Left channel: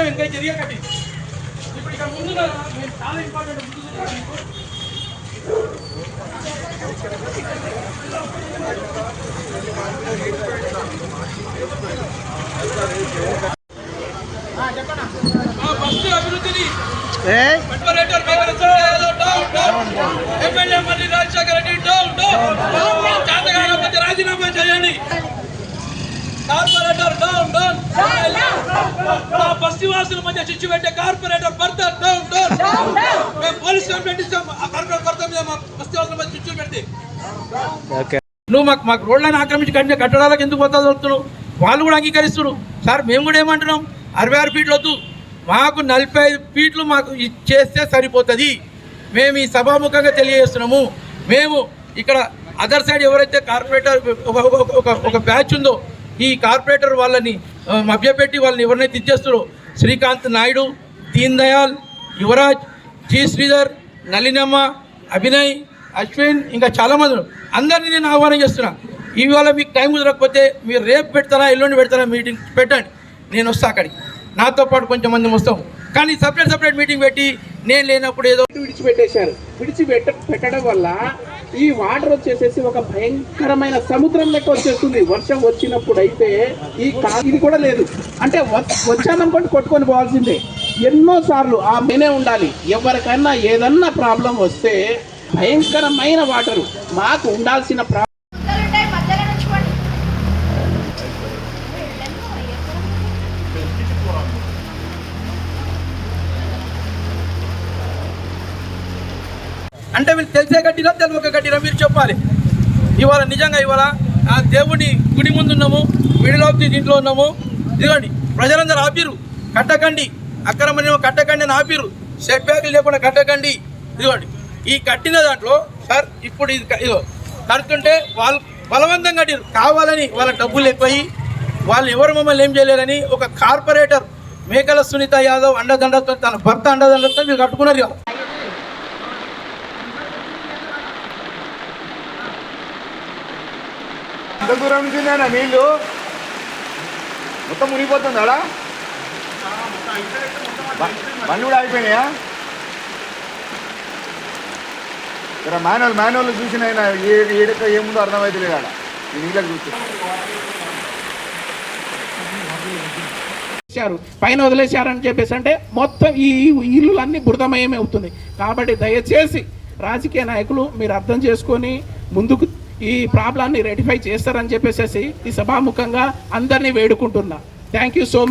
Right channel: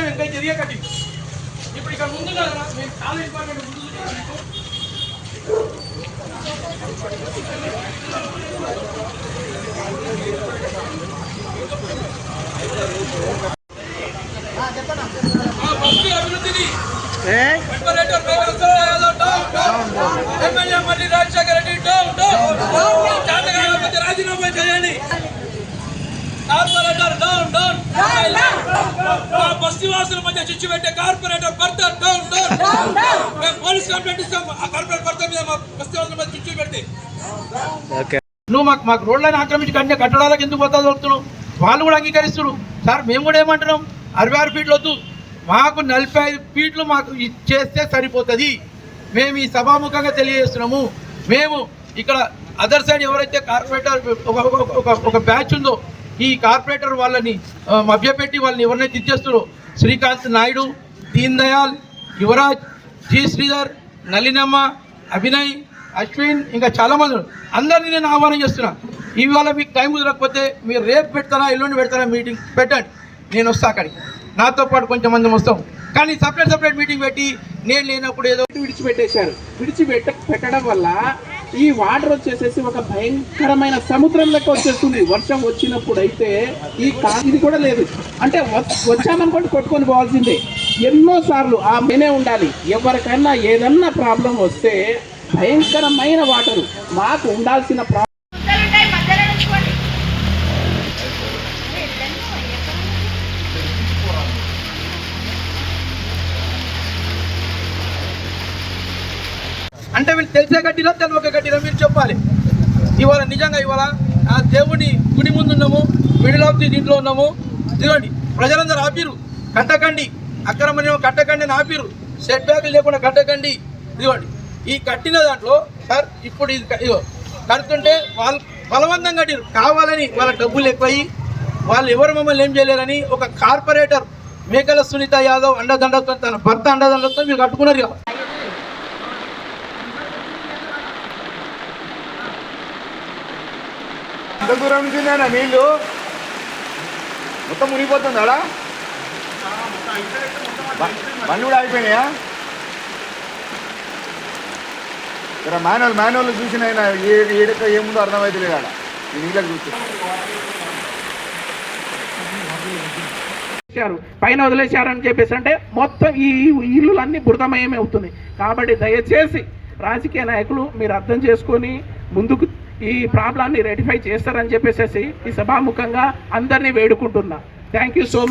మొత్తం ఇంకా జరిగే కట్టి. ఇప్పుడు ఇక్కడ ముందు కదా, మేము చాలా ఇంపార్టెంట్ ముందు ఫస్ట్ అభివృద్ధిని MLA Rajasekhara Reddy down down. రాజీనామా చేయండి. Corporator down down. మా బస్తీ వాసుల మధ్య చిచ్చు పెట్టే కార్పొరేటర్ భర్త డౌన్ డౌన్. మేము పోలీస్ కంప్లైంట్ ఇస్తాం ఆ కార్పొరేటర్ భర్త మీద మా మధ్య చిచ్చు పెడితే నువ్వు మాకు మాకు రోడ్లను ఆక్రమించి కట్టిన కట్టడాలకు ఎందుకు పోతా వెళ్తున్నావు? వాళ్ళు కూడా అంగీకరిస్తున్నారు. సార్ మేము కూడా ఏమంటున్నాం? అరవై ఆరు ఫీట్లు వద్దు. మాకు నలభై ఐదు ఫీట్లు మాకు ఇచ్చేస్తే సరిపోతుంది. మేము ఈ సభాముఖంగా తెలియజేస్తున్నాము. మేము ఇక్కడ అదర్ సైడ్ ఎవరైతే కార్పొరేటర్ ఒక ఒక బ్యాచ్ ఉందో ఈ కార్పొరేటర్ వాళ్ళని మభ్యపెట్టి వాళ్ళని ఎవరినైతే ఇచ్చేస్తారో శ్రీకాంత్ నాయుడు దీన్ దయాల్ యువరాజ్ జి శ్రీధర్ నలినమ్మ అభినయ్ అశ్విన్ ఇంకా చాలామంది అందరినీ నేను ఆహ్వానం చేస్తున్నా. ఇవాళ మీకు టైం కుదరకపోతే మీరు రేపు పెడతారా ఎల్లుండి పెడతారా మీటింగ్ పెట్టండి. నేను వస్తా అక్కడికి. నాతో పాటు కొంచెం మంది వస్తాం. కానీ సపరేట్ సపరేట్ మీటింగ్ పెట్టి నేను లేనప్పుడు ఏదో విడిచిపెట్టేశారు. విడిచిపెట్ట పెట్టడం వల్ల ఈ వాటర్ వచ్చేసేసి ఒక భయంకరమైన సముద్రం లెక్క వచ్చేస్తుంది. వర్షం వచ్చినప్పుడు అయితే ఈ కా ఇది కూడా లేదు. అంటే వచ్చామనుకోండి కొట్టుకొని పోవాల్సిందే. ఎన్నో సార్లు ఆ మేనే ఉండాలి. ఎవరికైనా ఏదన్నా ప్రాబ్లం వస్తే భయంకరమైన వాటరు. మాకు ఉండాల్సిన ప్రా అంటే వీళ్ళు తెలిసే కట్టినా తెలియక కట్టినా మీరు చెప్పాలి. ఇవాళ నిజంగా ఇవాళ ఆ దేవుడి గుడి ముందు ఉన్నాము మిడిల్ ఆఫ్ ది దీంట్లో ఉన్నాము. ఇదిగోండి ప్రజలందరూ ఆపిరు కట్టకండి. అక్రమణ్యం కట్టకండి అని ఆపిరు సెట్ బ్యాక్లు లేకుండా కట్టకండి. ఇదిగోండి ఈ కట్టిన దాంట్లో సార్ ఇప్పుడు ఇది ఇదో కడుతుంటే వాళ్ళు బలవంతం కట్టిరు కావాలని వాళ్ళ డబ్బులు ఎక్కువయి వాళ్ళు ఎవరు మమ్మల్ని ఏం చేయలేరని ఒక కార్పొరేటర్ మేకల సునీత యాదవ్ అండదండతో తన భర్త అండదండతో మీరు కట్టుకున్నారు కదా అంత దూరం నుంచి ఉందన్న నీళ్ళు? మొత్తం మునిగిపోతుంది ఆడ బండి కూడా అయిపోయినాయా ఇక్కడ మాన్యువల్ మాన్యువల్ చూసిన ఆయన ఏ ఏడక ఏముందో అర్థమైతే లేదు ఆడ. ఈ నీళ్ళకి చూస్తే. వదిలేశారు. పైన వదిలేశారని చెప్పేసి అంటే మొత్తం ఈ ఇల్లులన్నీ బురదమయమే అవుతుంది కాబట్టి దయచేసి రాజకీయ నాయకులు మీరు అర్థం చేసుకొని ముందుకు ఈ ప్రాబ్లాన్ని రెటిఫై చేస్తారని చెప్పేసి ఈ సభాముఖంగా అందరినీ వేడుకుంటున్నా. Thank you so much